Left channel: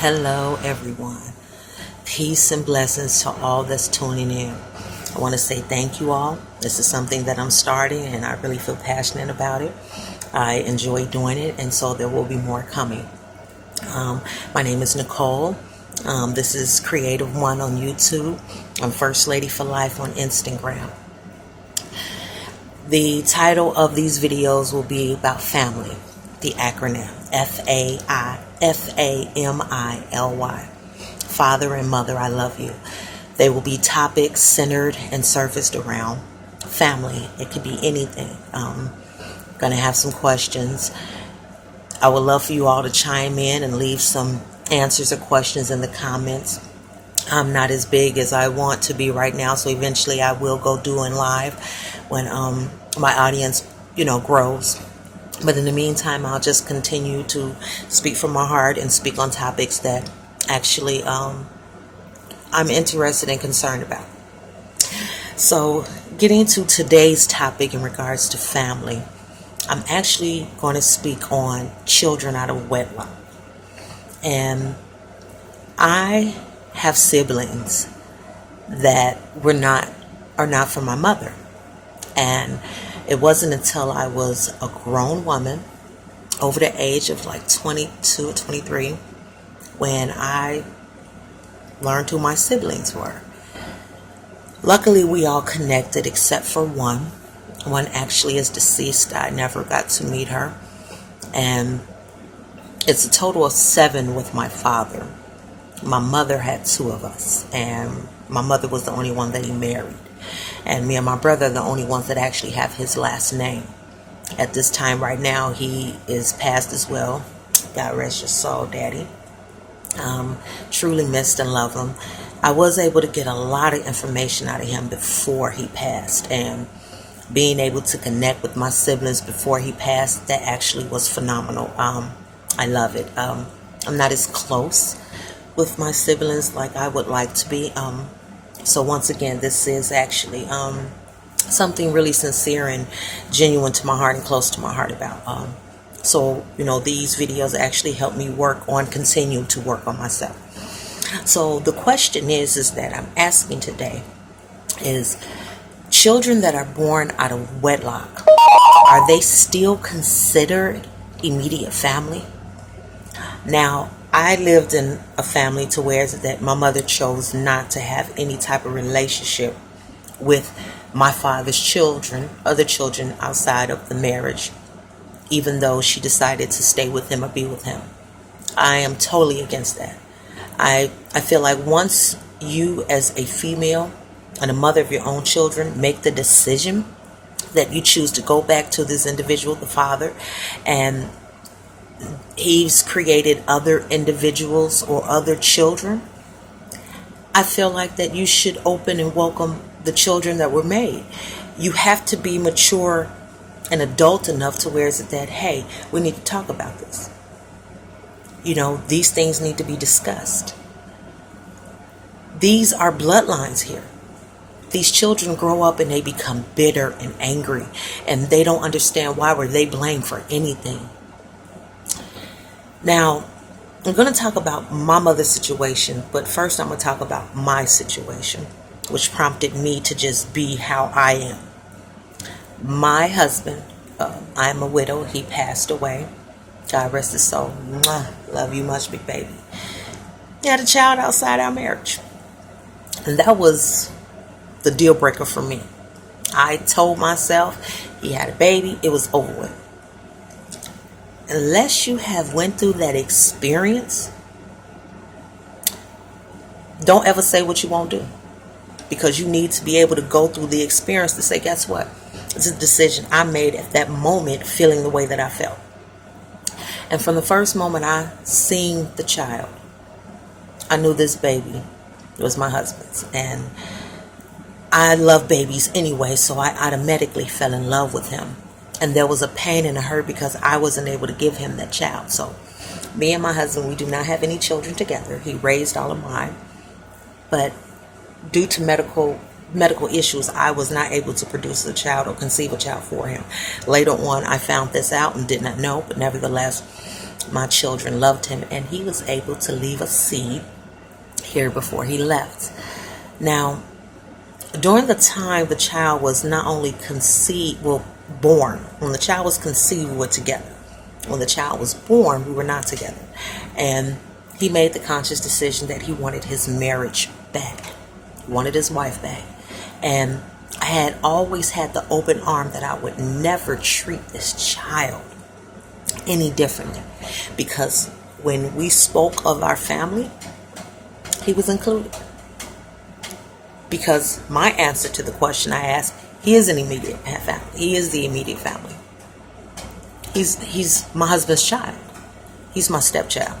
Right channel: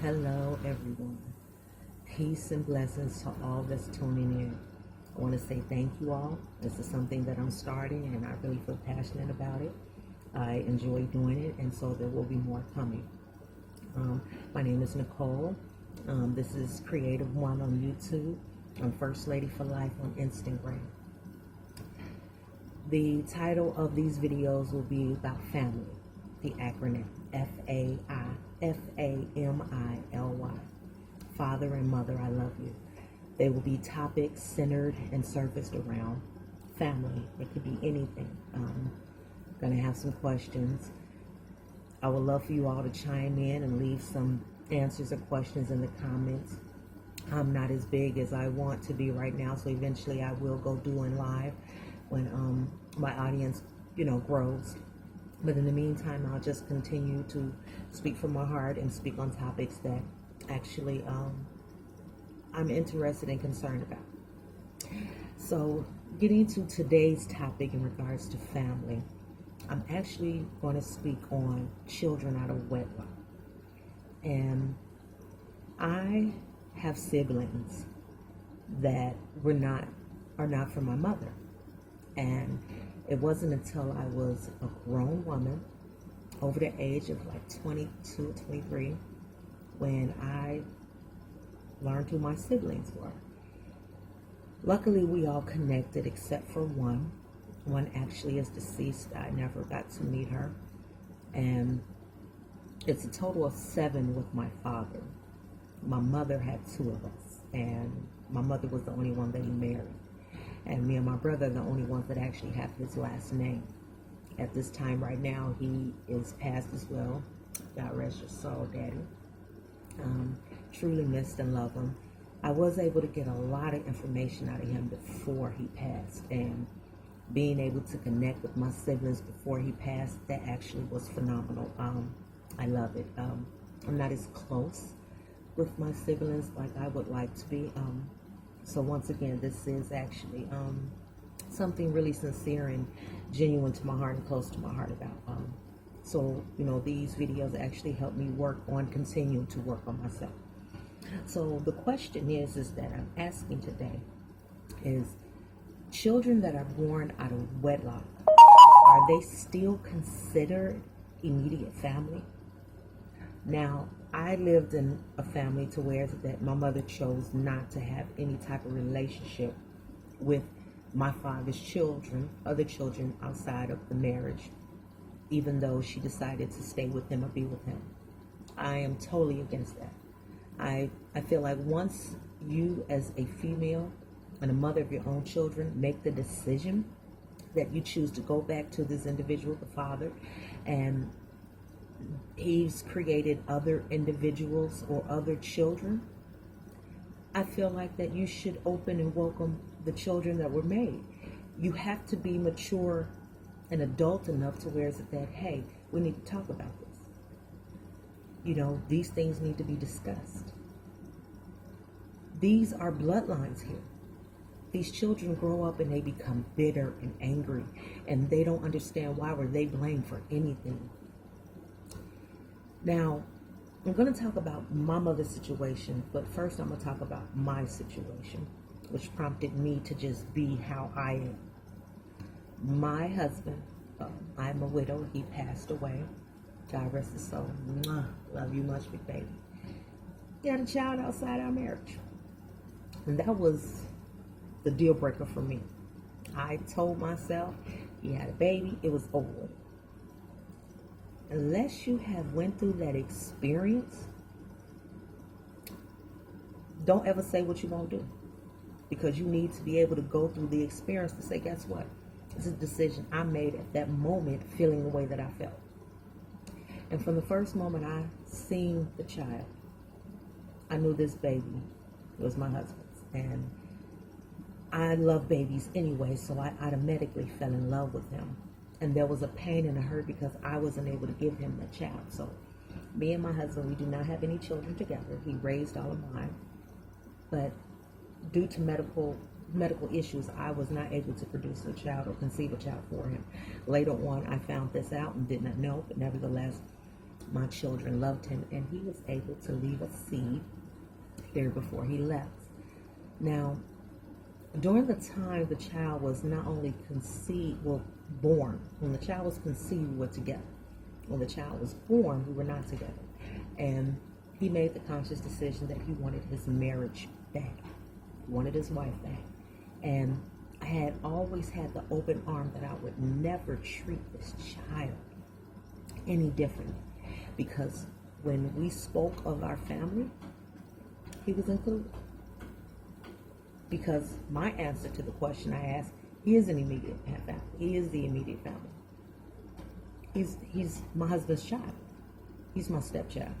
Hello, everyone. Peace and blessings to all that's tuning in. I want to say thank you all. This is something that I'm starting and I really feel passionate about it. I enjoy doing it, and so there will be more coming. My name is Nicole. This is Creative One on YouTube. I'm First Lady for Life on Instagram. The title of these videos will be about family, the acronym F.A.M.I.L.Y. Father and Mother, I love you. They will be topics centered and surfaced around family. It could be anything. Going to have some questions. I would love for you all to chime in and leave some answers or questions in the comments. I'm not as big as I want to be right now, so eventually I will go doing live when my audience, grows. But in the meantime, I'll just continue to speak from my heart and speak on topics that actually I'm interested and concerned about. So, getting to today's topic in regards to family, I'm actually going to speak on children out of wedlock. And I have siblings that are not from my mother. And it wasn't until I was a grown woman, over the age of like 22 or 23, when I learned who my siblings were. Luckily, we all connected except for one. One actually is deceased. I never got to meet her. And it's a total of 7 with my father. My mother had 2 of us, and my mother was the only one that he married. And me and my brother are the only ones that actually have his last name. At this time right now, he is passed as well. God rest your soul, Daddy. Truly missed and love him. I was able to get a lot of information out of him before he passed, and being able to connect with my siblings before he passed, that actually was phenomenal. I love it. I'm not as close with my siblings like I would like to be. So once again, this is actually something really sincere and genuine to my heart and close to my heart about. So these videos actually help me continue to work on myself. So the question is that I'm asking today is, children that are born out of wedlock, are they still considered immediate family? Now, I lived in a family to where that my mother chose not to have any type of relationship with my father's children, other children outside of the marriage, even though she decided to stay with him or be with him. I am totally against that. I feel like once you as a female and a mother of your own children make the decision that you choose to go back to this individual, the father, and he's created other individuals or other children, I feel like that you should open and welcome the children that were made. You have to be mature and adult enough to where is it that, hey, we need to talk about this. These things need to be discussed. These are bloodlines here. These children grow up and they become bitter and angry, and they don't understand why were they blamed for anything. Now, I'm going to talk about my mother's situation, but first I'm going to talk about my situation, which prompted me to just be how I am. My husband, I am a widow. He passed away. God rest his soul. Mwah. Love you much, big baby. He had a child outside our marriage. And that was the deal breaker for me. I told myself he had a baby, it was over with. Unless you have went through that experience, don't ever say what you won't do. Because you need to be able to go through the experience to say, guess what? It's a decision I made at that moment, feeling the way that I felt. And from the first moment I seen the child, I knew this baby was my husband's. And I love babies anyway, so I automatically fell in love with him. And there was a pain and a hurt because I wasn't able to give him that child. So me and my husband, we do not have any children together. He raised all of mine. But due to medical issues, I was not able to produce a child or conceive a child for him. Later on, I found this out and did not know. But nevertheless, My children loved him, and he was able to leave a seed here before he left. Now, during the time the child was not only born, when the child was conceived, we were together. When the child was born, we were not together. And he made the conscious decision that he wanted his marriage back. He wanted his wife back. And I had always had the open arm that I would never treat this child any differently. Because when we spoke of our family, he was included. Because my answer to the question I asked, he is an immediate family. He is the immediate family. He's my husband's child. He's my stepchild.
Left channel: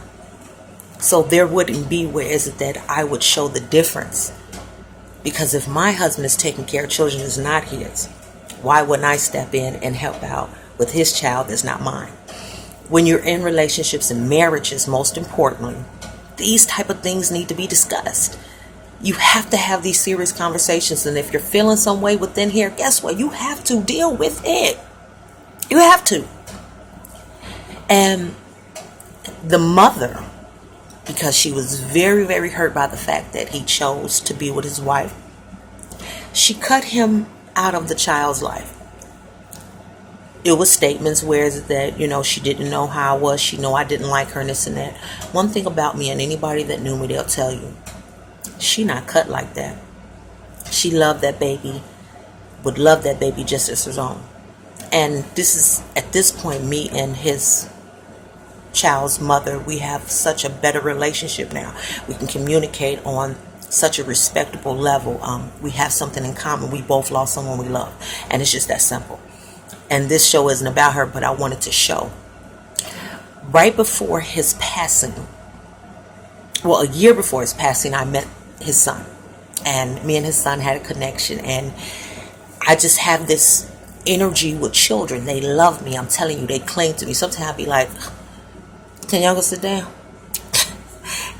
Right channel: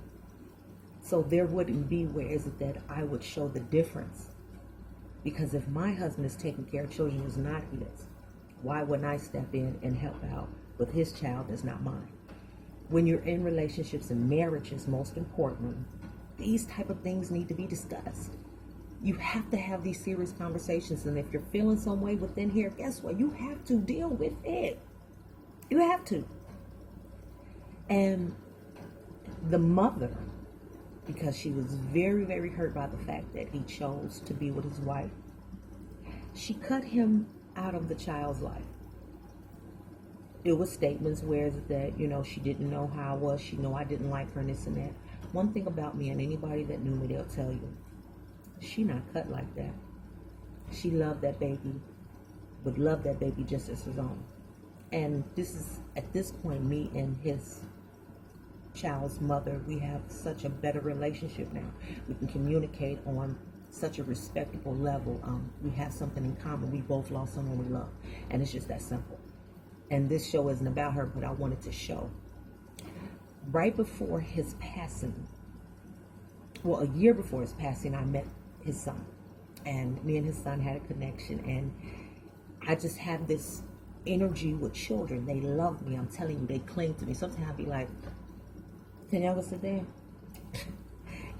So there wouldn't be where is it that I would show the difference. Because if my husband is taking care of children that's not his, why wouldn't I step in and help out with his child that's not mine? When you're in relationships and marriages, most importantly, these type of things need to be discussed. You have to have these serious conversations. And if you're feeling some way within here, guess what? You have to deal with it. You have to. And the mother, because she was very, very hurt by the fact that he chose to be with his wife, she cut him out of the child's life. It was statements where that, she didn't know how I was. She know I didn't like her and this and that. One thing about me, and anybody that knew me, they'll tell you, she not cut like that. She loved that baby, would love that baby just as her own. And this is, at this point, me and his child's mother, we have such a better relationship now. We can communicate on such a respectable level. We have something in common. We both lost someone we love. And it's just that simple. And this show isn't about her, but I wanted to show. Right before his passing, a year before his passing, I met his son. And me and his son had a connection. And I just have this energy with children. They love me. I'm telling you, they cling to me. Sometimes I'll be like, can y'all go sit down?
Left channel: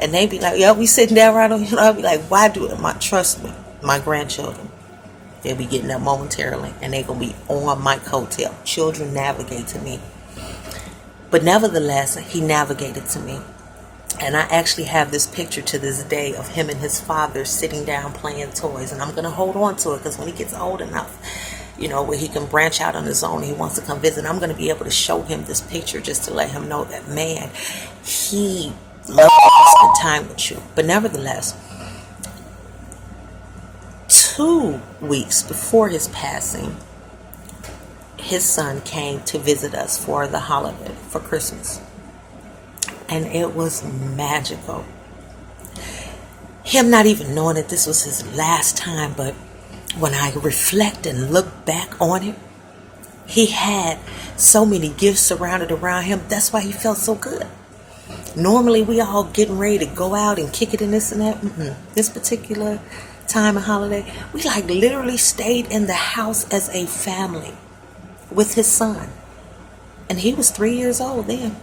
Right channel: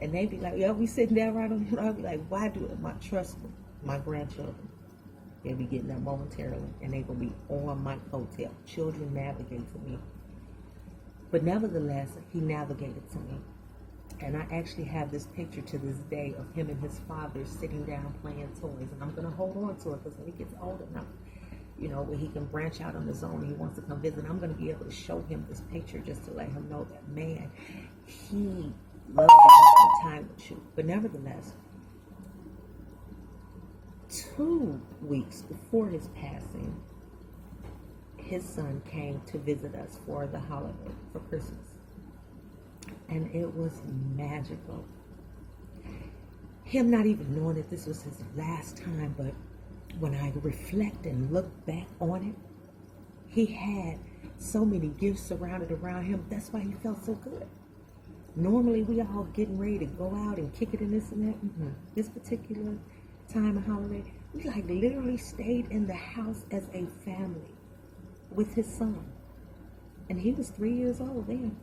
And they be like, yeah, we sitting down right on. I'll be like, why do it? Trust me, my grandchildren, they'll be getting up momentarily. And they're going to be on my coattail. Children navigate to me. But nevertheless, he navigated to me. And I actually have this picture to this day of him and his father sitting down playing toys. And I'm going to hold on to it because when he gets old enough, where he can branch out on his own, he wants to come visit, I'm going to be able to show him this picture just to let him know that, man, he loved to spend time with you. But nevertheless, 2 weeks before his passing, his son came to visit us for the holiday, for Christmas. And it was magical. Him not even knowing that this was his last time, but when I reflect and look back on it, he had so many gifts surrounded around him. That's why he felt so good. Normally, we all getting ready to go out and kick it and this and that. This particular time of holiday, we literally stayed in the house as a family with his son. And he was 3 years old then.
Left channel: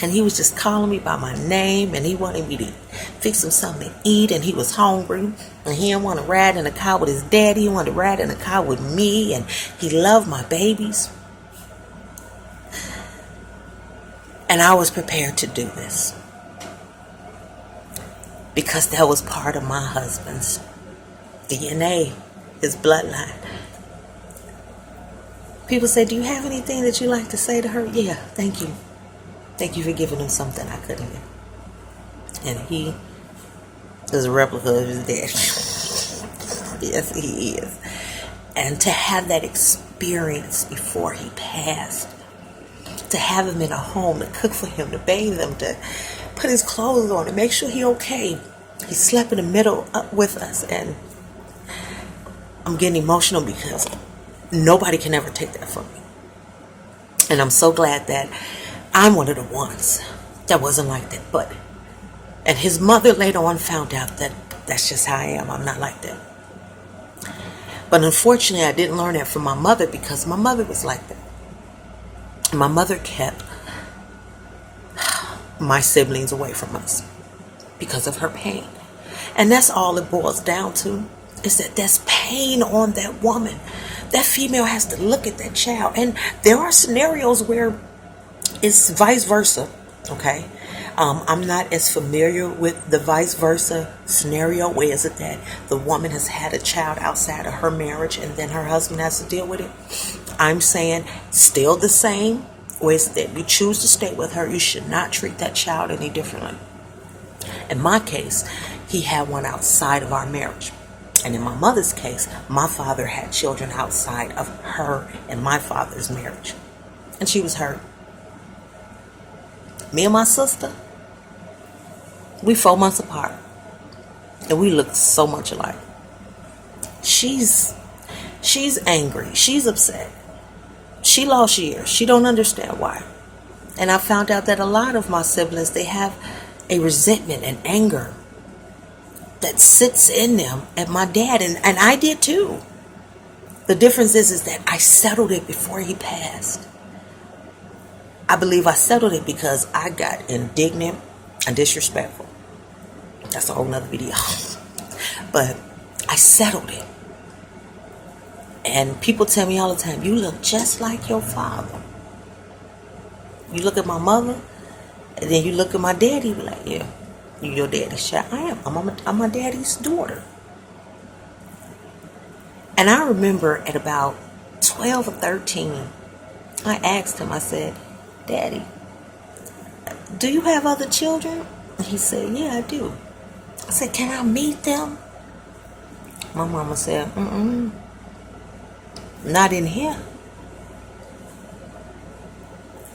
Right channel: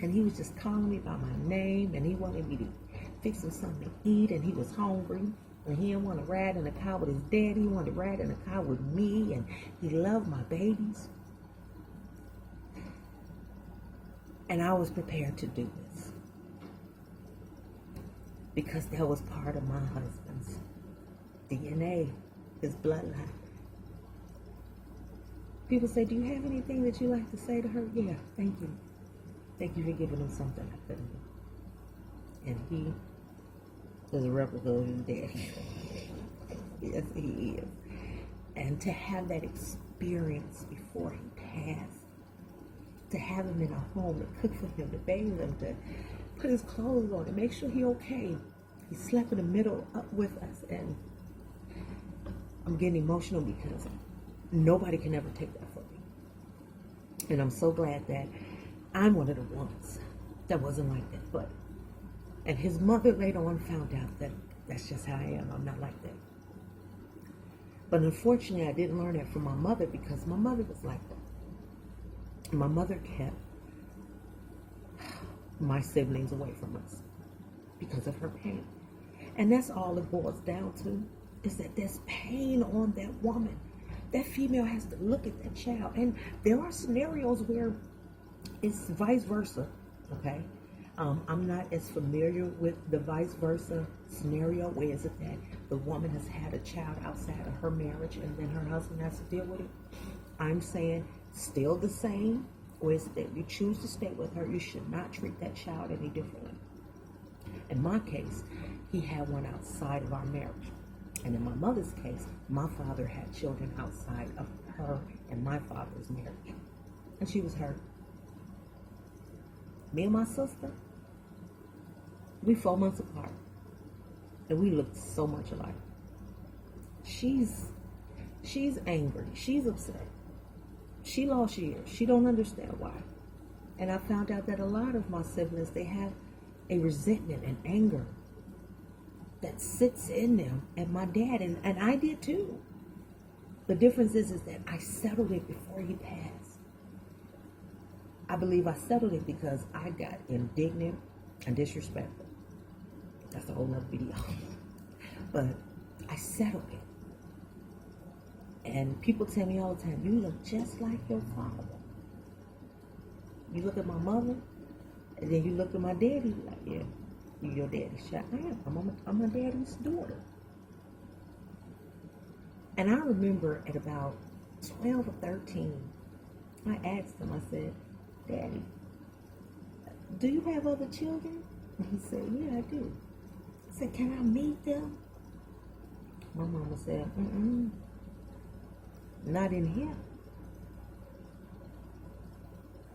And he was just calling me by my name, and he wanted me to fix him something to eat, and he was hungry, and he didn't want to ride in a car with his daddy. He wanted to ride in a car with me, and he loved my babies. And I was prepared to do this because that was part of my husband's DNA, his bloodline. People say, do you have anything that you like to say to her? Yeah, thank you. Thank you for giving him something I couldn't give. And he is a replica of his dad. Yes, he is. And to have that experience before he passed, to have him in a home, to cook for him, to bathe him, to put his clothes on, to make sure he's okay. He slept in the middle up with us. And I'm getting emotional because nobody can ever take that from me. And I'm so glad that I'm one of the ones that wasn't like that. And his mother later on found out that that's just how I am. I'm not like that. But unfortunately, I didn't learn that from my mother because my mother was like that. My mother kept my siblings away from us because of her pain. And that's all it boils down to, is that there's pain on that woman. That female has to look at that child. And there are scenarios where It's vice versa, okay? I'm not as familiar with the vice versa scenario. Where is it that the woman has had a child outside of her marriage and then her husband has to deal with it? I'm saying still the same. Where is it that you choose to stay with her, you should not treat that child any differently. In my case, he had one outside of our marriage. And in my mother's case, my father had children outside of her and my father's marriage. And she was hurt. Me and my sister, we 4 months apart. And we look so much alike. She's angry. She's upset. She lost years. She don't understand why. And I found out that a lot of my siblings, they have a resentment and anger that sits in them at my dad. And I did too. The difference is that I settled it before he passed. I believe I settled it because I got indignant and disrespectful. That's a whole nother video. But I settled it. And people tell me all the time, you look just like your father. You look at my mother, and then you look at my daddy, be like, yeah, you your daddy's child. I am. I'm my daddy's daughter. And I remember at about 12 or 13, I asked him, I said, Daddy, do you have other children? And he said, yeah, I do. I said, can I meet them? My mama said, not in here.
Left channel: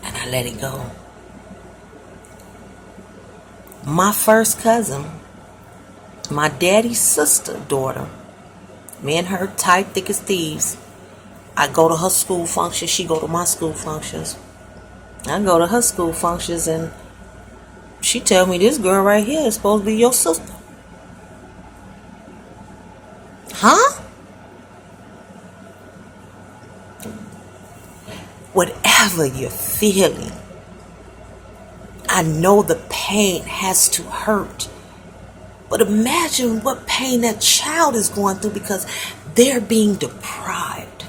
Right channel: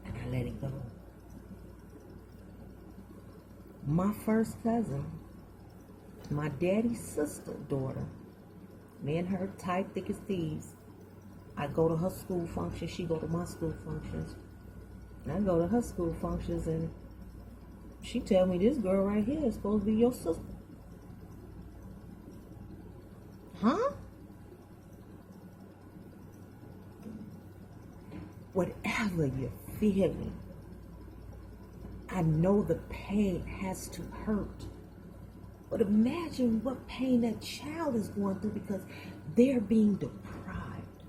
And I let it go. My first cousin, my daddy's sister daughter, me and her tight, thick as thieves. I go to her school functions. She go to my school functions. I go to her school functions and she tell me this girl right here is supposed to be your sister. Huh? Whatever you're feeling, I know the pain has to hurt. But imagine what pain that child is going through because they're being deprived.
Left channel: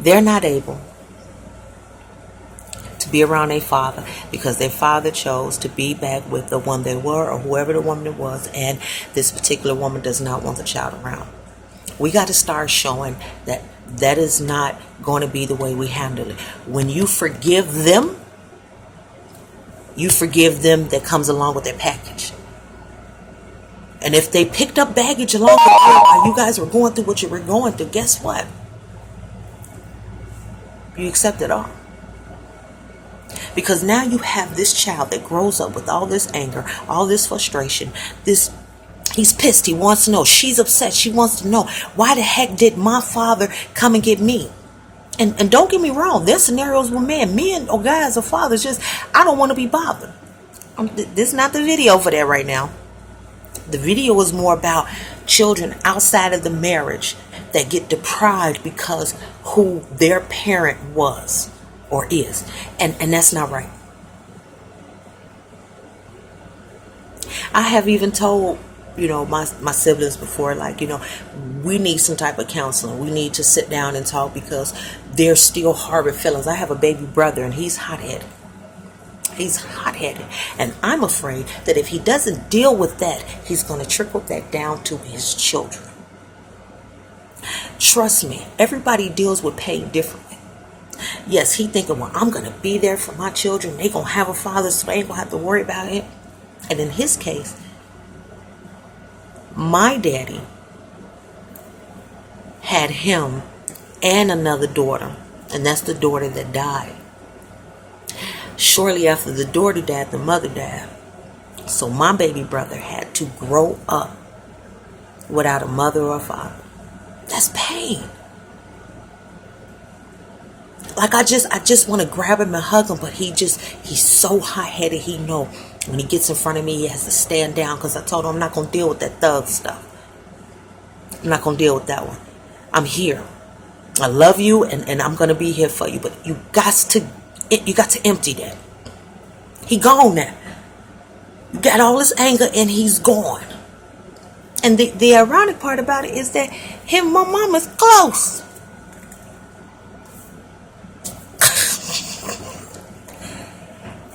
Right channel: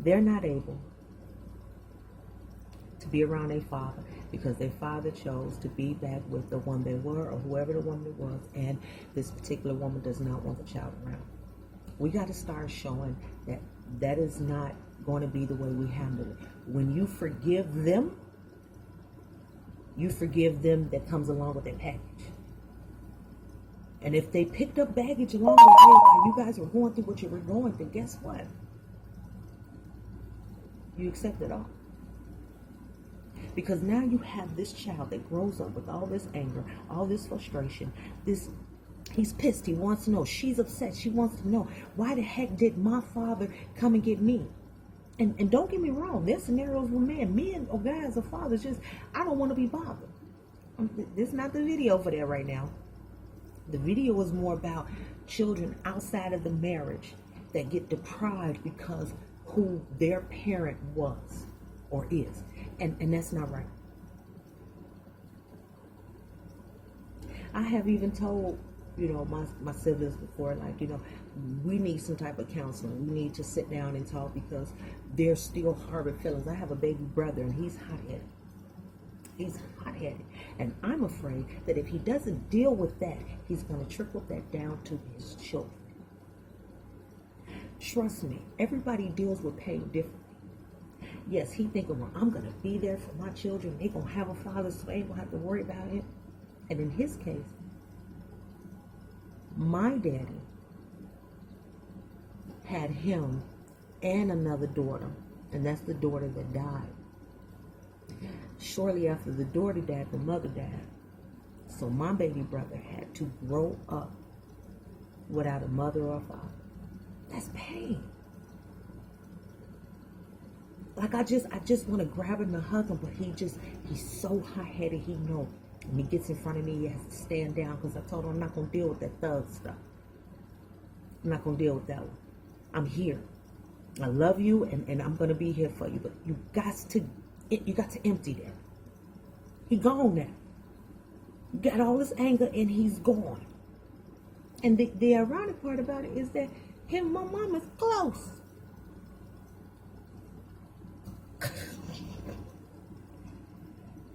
They're not able to be around their father because their father chose to be back with the one they were or whoever the woman was, and this particular woman does not want the child around. We got to start showing that that is not going to be the way we handle it. When you forgive them that comes along with their package. And if they picked up baggage along the way while you guys were going through what you were going through, guess what? You accept it all. Because now you have this child that grows up with all this anger, all this frustration, he's pissed, he wants to know, she's upset, she wants to know, why the heck did my father come and get me? And don't get me wrong, there's scenarios where men or guys or fathers just, I don't want to be bothered. This is not the video for that right now. The video is more about children outside of the marriage that get deprived because who their parent was or is. And that's not right. I have even told, my siblings before, like, we need some type of counseling. We need to sit down and talk because they're still harboring feelings. I have a baby brother and he's hot-headed. He's hot-headed. And I'm afraid that if he doesn't deal with that, he's going to trickle that down to his children. Trust me, everybody deals with pain differently. Yes, he thinking, well, I'm going to be there for my children. They going to have a father, so they ain't going to have to worry about it. And in his case, my daddy had him and another daughter. And that's the daughter that died. Shortly after the daughter died, the mother died. So my baby brother had to grow up without a mother or a father. That's pain. Like I just want to grab him and hug him, but he's so hot-headed. He know when he gets in front of me, he has to stand down because I told him I'm not going to deal with that thug stuff. I'm not going to deal with that one. I'm here. I love you and I'm going to be here for you, but you got to empty that. He gone now. You got all this anger and he's gone. And the ironic part about it is that him and my mom is close.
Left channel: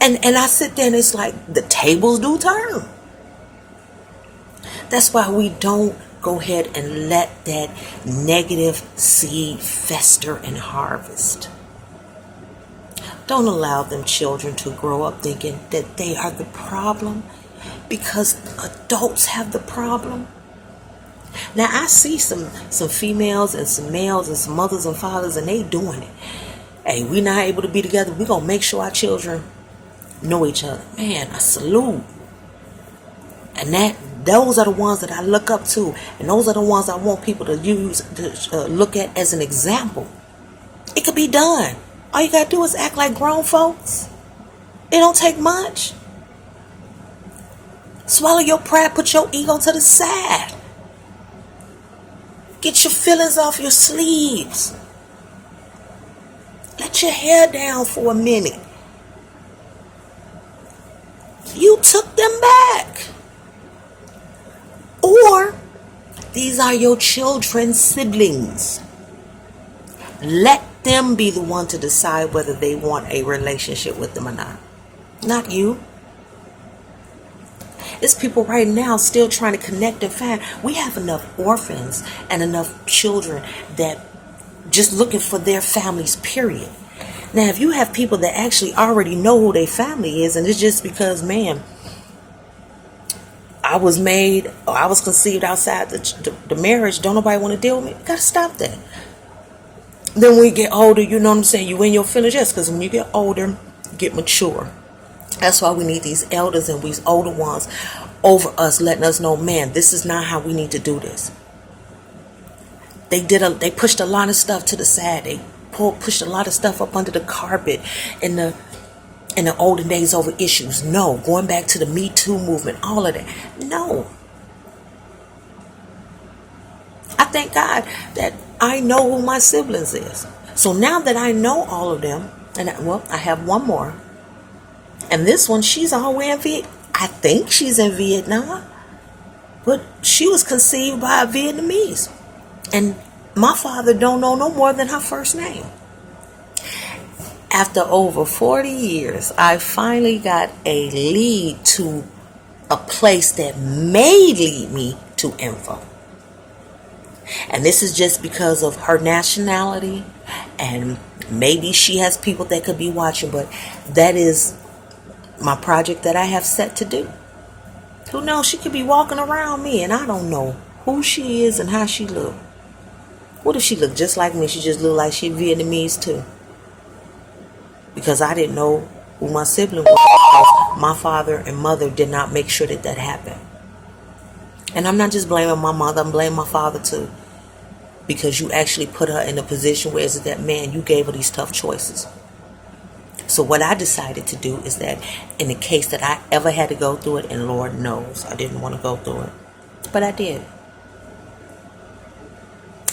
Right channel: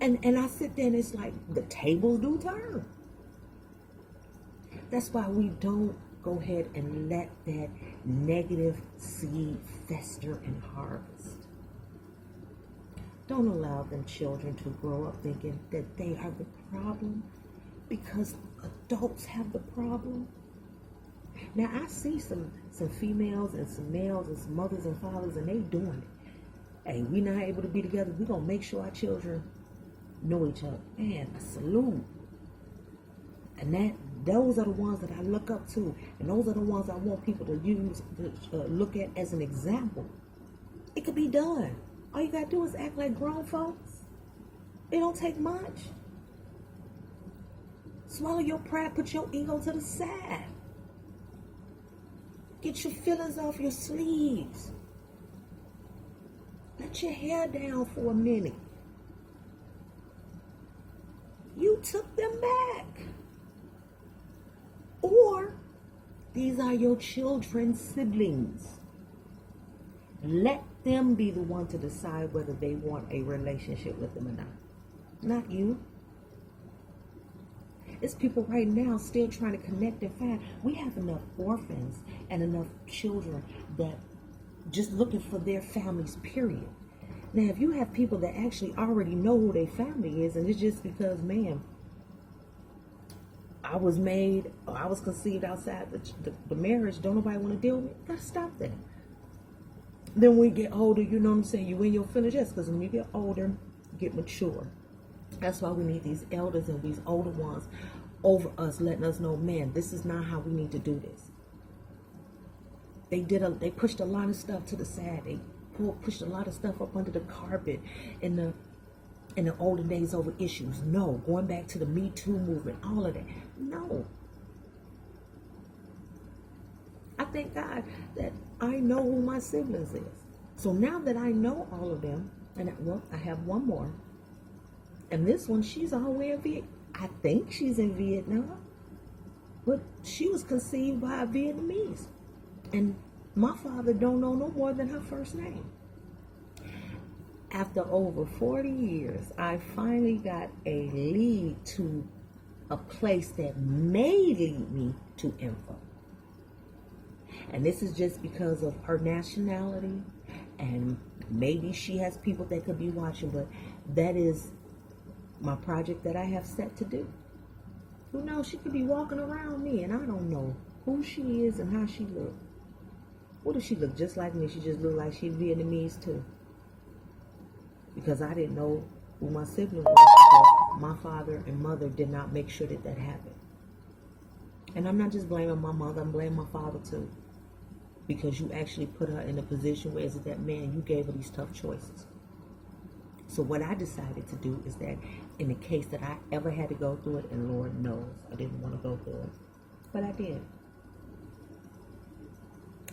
And I sit there and it's like the tables do turn. That's why we don't go ahead and let that negative seed fester and harvest. Don't allow them children to grow up thinking that they are the problem because adults have the problem. Now I see some females and some males and some mothers and fathers, and they doing it. Hey, we not able to be together. We gonna make sure our children know each other. Man, I salute. And those are the ones that I look up to, and those are the ones I want people to use to look at as an example. It could be done. All you gotta do is act like grown folks. It don't take much. Swallow your pride, put your ego to the side. Get your feelings off your sleeves. Let your hair down for a minute. You took them back. Or these are your children's siblings. Let them be the one to decide whether they want a relationship with them or not. Not you. It's people right now still trying to connect and find. We have enough orphans and enough children that just looking for their families, period. Now, if you have people that actually already know who their family is, and it's just because, man, I was made or I was conceived outside the marriage, don't nobody want to deal with me. You gotta stop that. Then when you get older, you know what I'm saying, you in your feelings. Yes, because when you get older, you get mature. That's why we need these elders and these older ones over us, letting us know, man, this is not how we need to do this. They pushed a lot of stuff to the side. They pushed a lot of stuff up under the carpet in the olden days over issues. No, going back to the Me Too movement, all of that. No. I thank God that I know who my siblings is. So now that I know all of them, and I have one more. And this one, she's all the way in Vietnam. I think she's in Vietnam. But she was conceived by a Vietnamese. And my father don't know no more than her first name. After over 40 years, I finally got a lead to a place that may lead me to info. And this is just because of her nationality, and maybe she has people that could be watching, but that is my project that I have set to do. Who knows, she could be walking around me and I don't know who she is and how she look. What if she looked just like me? She just looked like she Vietnamese too. Because I didn't know who my sibling was. My father and mother did not make sure that happened. And I'm not just blaming my mother, I'm blaming my father too. Because you actually put her in a position where it's that, man, you gave her these tough choices. So what I decided to do is that in the case that I ever had to go through it, and Lord knows I didn't want to go through it, but I did.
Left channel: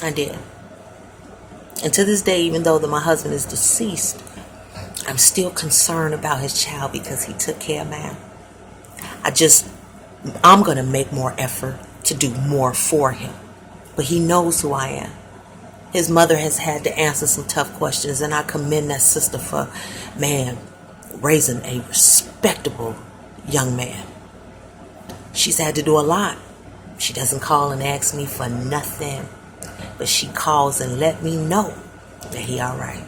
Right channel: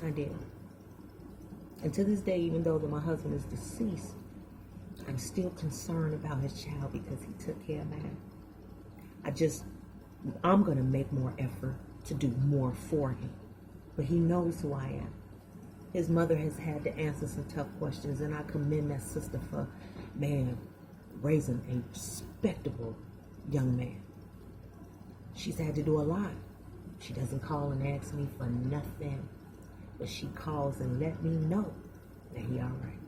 I did. And to this day, even though my husband is deceased, I'm still concerned about his child because he took care of mine. I'm going to make more effort to do more for him. But he knows who I am. His mother has had to answer some tough questions, and I commend that sister for, man, raising a respectable young man. She's had to do a lot. She doesn't call and ask me for nothing, but she calls and let me know that he all right.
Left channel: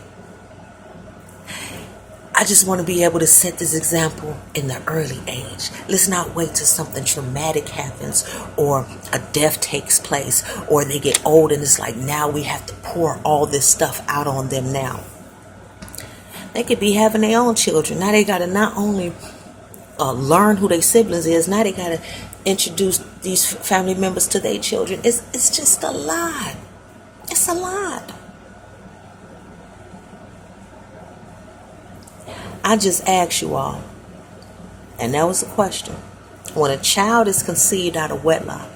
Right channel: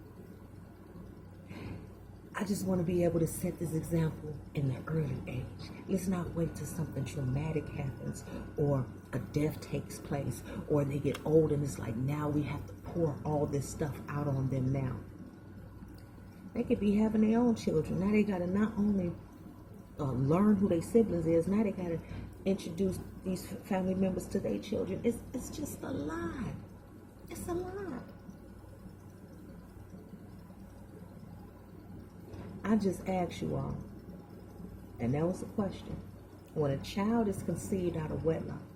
I just want to be able to set this example in the early age. Let's not wait till something traumatic happens or a death takes place or they get old and it's like now we have to pour all this stuff out on them now. They could be having their own children. Now they got to not only learn who their siblings is, now they got to introduce these family members to their children. It's just a lot. It's a lot. I just asked you all, and that was the question. When a child is conceived out of wedlock,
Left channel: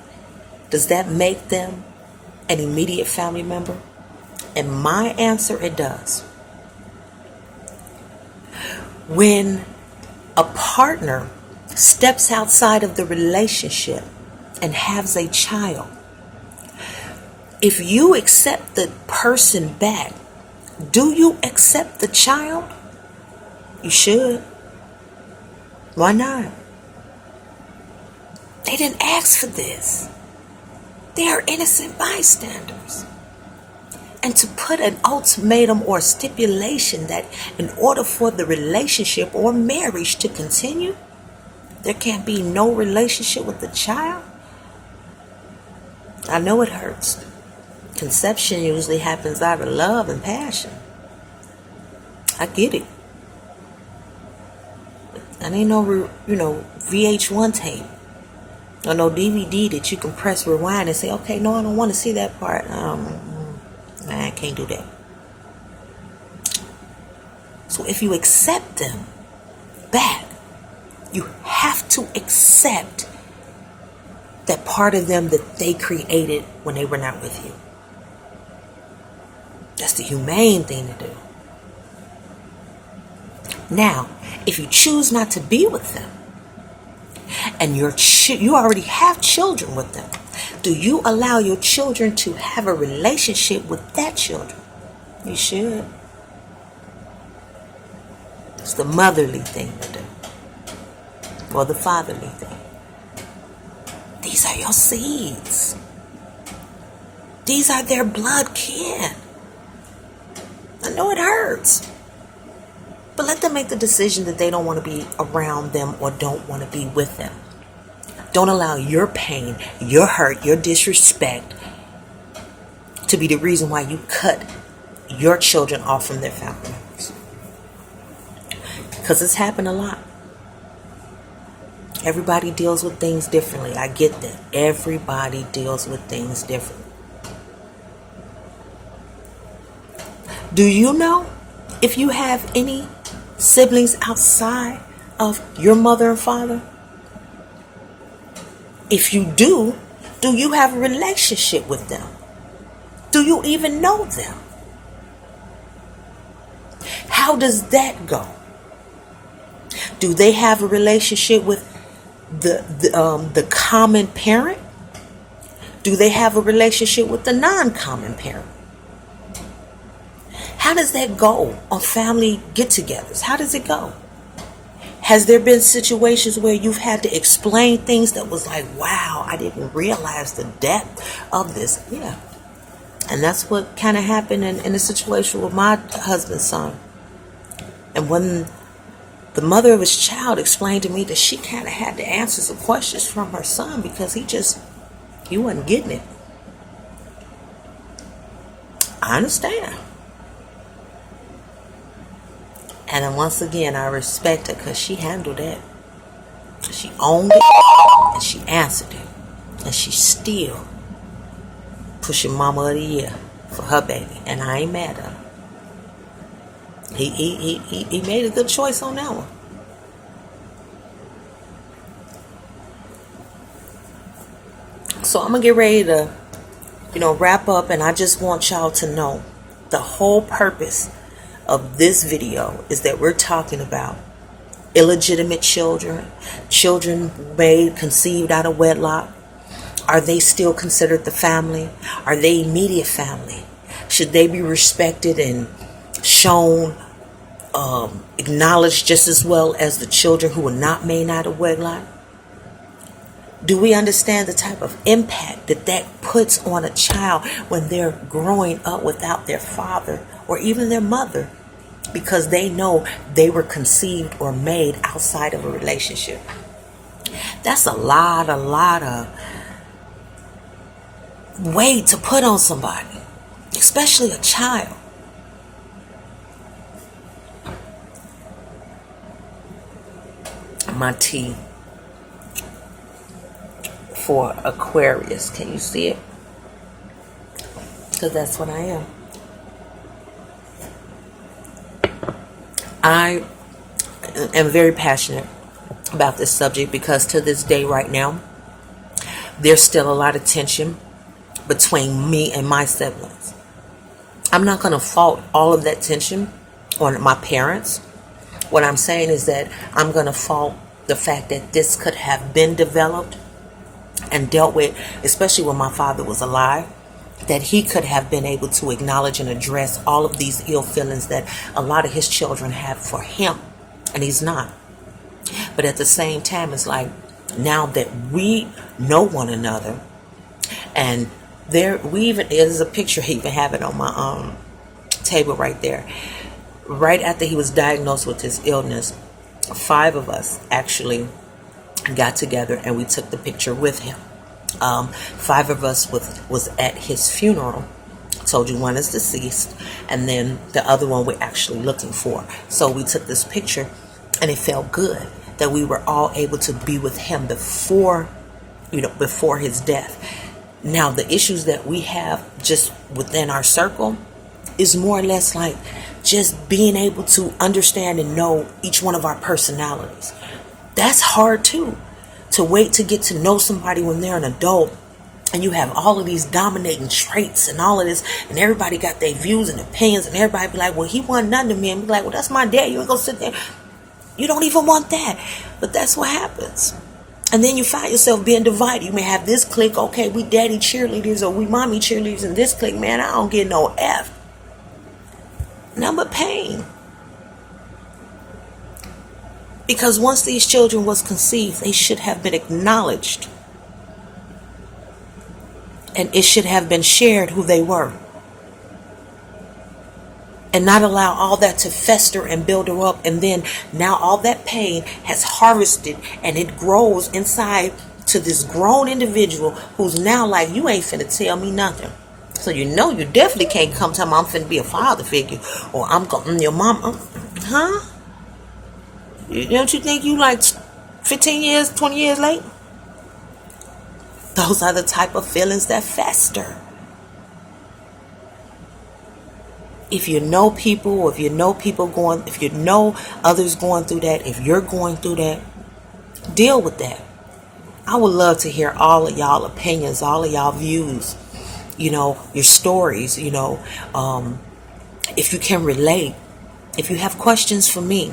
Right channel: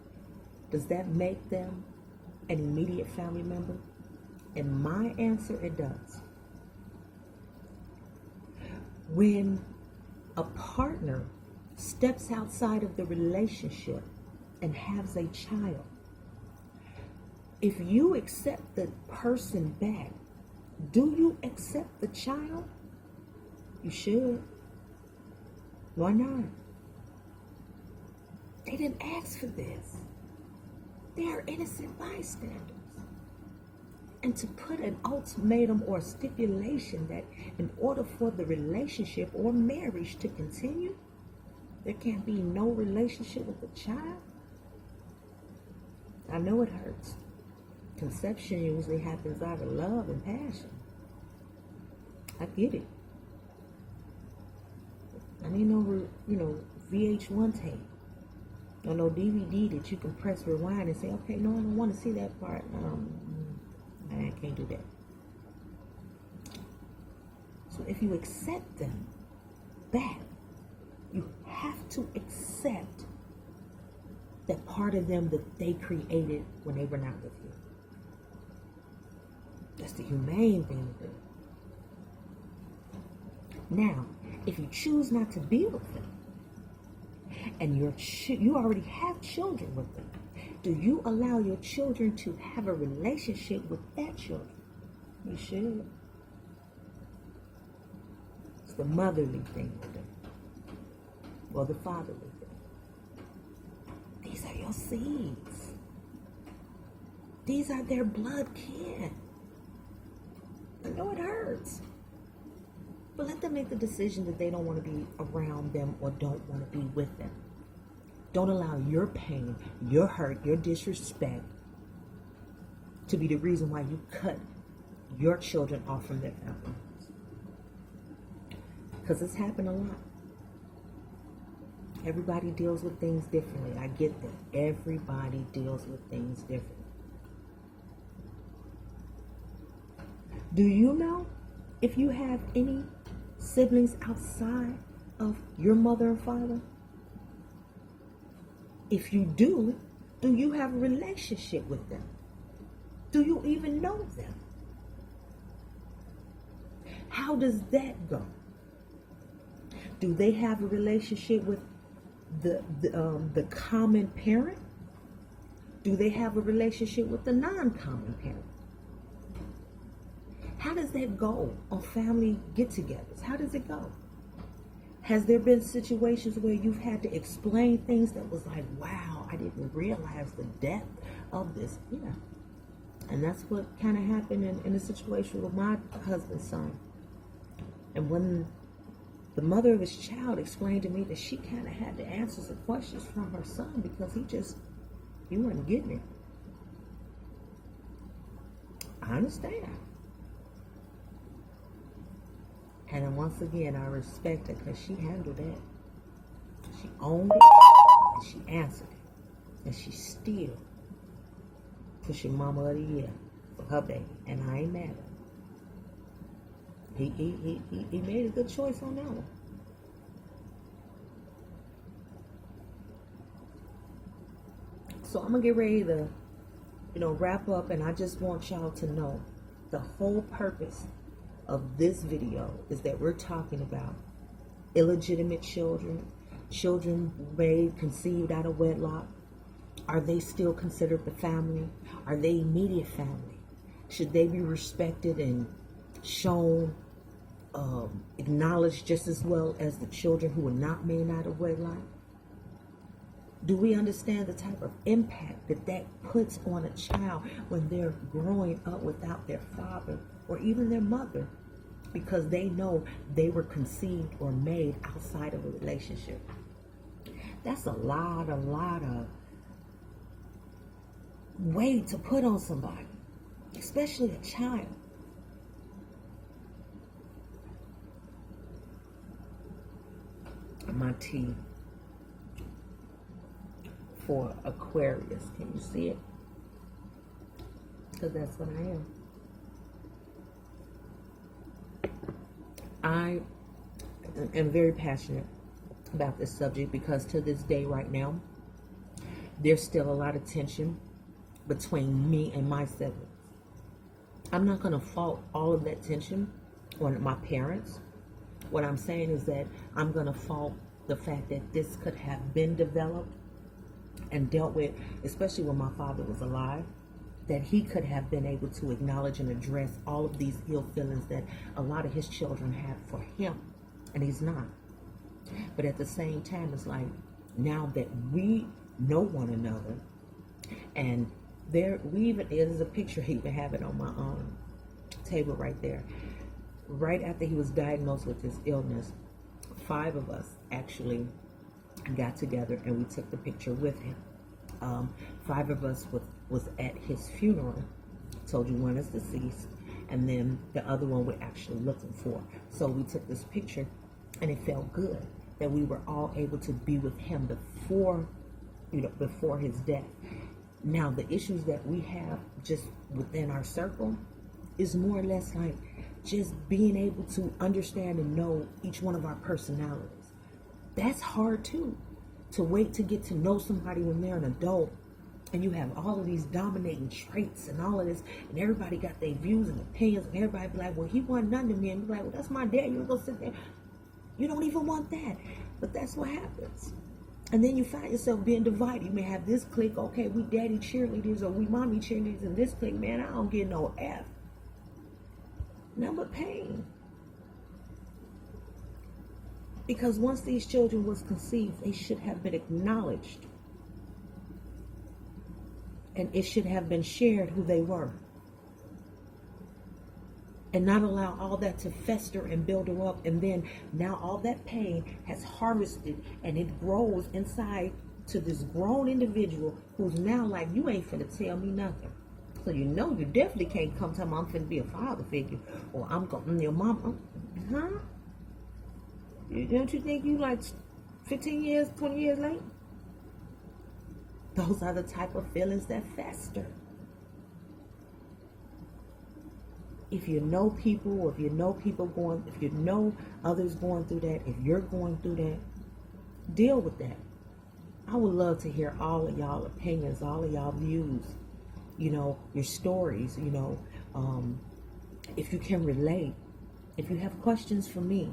does that make them an immediate family member? And my answer, it does. When a partner steps outside of the relationship and has a child, if you accept the person back, do you accept the child? You should. Why not? They didn't ask for this. They are innocent bystanders. And to put an ultimatum or stipulation that in order for the relationship or marriage to continue, there can't be no relationship with the child. I know it hurts. Conception usually happens out of love and passion. I get it. And ain't no, VH1 tape or no DVD that you can press rewind and say, okay, no, I don't want to see that part. I can't do that. So if you accept them back, you have to accept that part of them that they created when they were not with you. That's the humane thing to do. Now, if you choose not to be with them, and you already have children with them, do you allow your children to have a relationship with that children? You should. It's the motherly thing to do. Or the fatherly thing. These are your seeds. These are their blood kin. I know it hurts. But let them make the decision that they don't want to be around them or don't want to be with them. Don't allow your pain, your hurt, your disrespect to be the reason why you cut your children off from their family members. Because it's happened a lot. Everybody deals with things differently. I get that. Everybody deals with things differently. Do you know if you have any siblings outside of your mother and father? If you do you have a relationship with them? Do you even know them? How does that go? Do they have a relationship with the common parent? Do they have a relationship with the non-common parent? How does that go on family get-togethers? How does it go? Has there been situations where you've had to explain things that was like, wow, I didn't realize the depth of this? Yeah. And that's what kind of happened in the situation with my husband's son. And when the mother of his child explained to me that she kind of had to answer some questions from her son because he wasn't getting it. I understand. And then once again, I respect her because she handled that. She owned it and she answered it. And she's still pushing Mama of the Year for her baby. And I ain't mad at her. He made a good choice on that one. So I'm going to get ready to, wrap up. And I just want y'all to know the whole purpose of this video is that we're talking about illegitimate children, children conceived out of wedlock. Are they still considered the family? Are they immediate family? Should they be respected and shown, acknowledged just as well as the children who were not made out of wedlock? Do we understand the type of impact that puts on a child when they're growing up without their father or even their mother because they know they were conceived or made outside of a relationship? That's a lot of weight to put on somebody, especially a child. My T for Aquarius. Can you see it? Because that's what I am. I am very passionate about this subject because to this day right now, there's still a lot of tension between me and my siblings. I'm not going to fault all of that tension on my parents. What I'm saying is that I'm going to fault the fact that this could have been developed and dealt with, especially when my father was alive, that he could have been able to acknowledge and address all of these ill feelings that a lot of his children have for him, and he's not. But at the same time, it's like, now that we know one another, and there's a picture, I even have it on my table right there. Right after he was diagnosed with his illness, 5 of us actually got together and we took the picture with him. 5 of us was at his funeral. Told you one is deceased, and then the other one we're actually looking for. So we took this picture, and it felt good that we were all able to be with him before his death. Now, the issues that we have just within our circle is more or less like just being able to understand and know each one of our personalities. That's hard too, to wait to get to know somebody when they're an adult, and you have all of these dominating traits and all of this, and everybody got their views and opinions, and everybody be like, well, he wasn't nothing to me, and be like, well, that's my dad, you ain't gonna sit there. You don't even want that. But that's what happens. And then you find yourself being divided. You may have this clique, okay, we daddy cheerleaders, or we mommy cheerleaders, and this clique, man, I don't get no F. Nothing but pain. Because once these children was conceived, they should have been acknowledged. And it should have been shared who they were. And not allow all that to fester and build her up. And then now all that pain has harvested, and it grows inside to this grown individual who's now like, you ain't finna tell me nothing. So you definitely can't come tell me I'm finna be a father figure, or I'm going your mom. Huh? Don't you think you like 15 years, 20 years late? Those are the type of feelings that fester. If you know people, or if you know others going through that, if you're going through that, deal with that. I would love to hear all of y'all opinions, all of y'all views, your stories, if you can relate, if you have questions for me,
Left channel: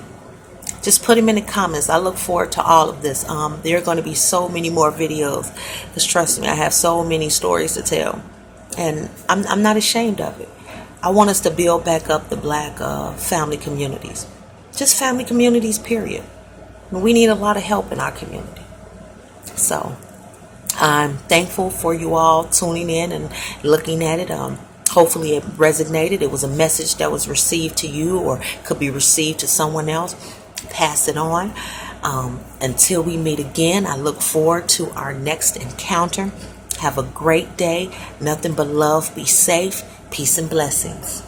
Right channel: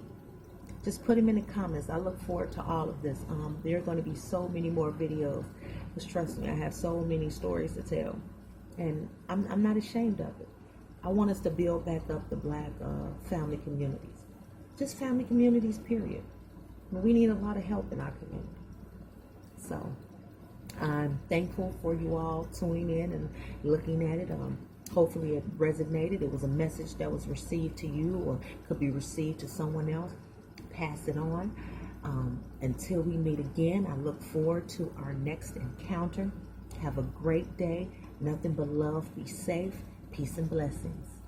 just put them in the comments. I look forward to all of this. There are going to be so many more videos, because trust me, I have so many stories to tell, and I'm not ashamed of it. I want us to build back up the black family communities, just family communities, period. We need a lot of help in our community. So I'm thankful for you all tuning in and looking at it. Hopefully it resonated. It was a message that was received to you, or could be received to someone else. Pass it on. Until we meet again, I look forward to our next encounter. Have a great day. Nothing but love. Be safe. Peace and blessings.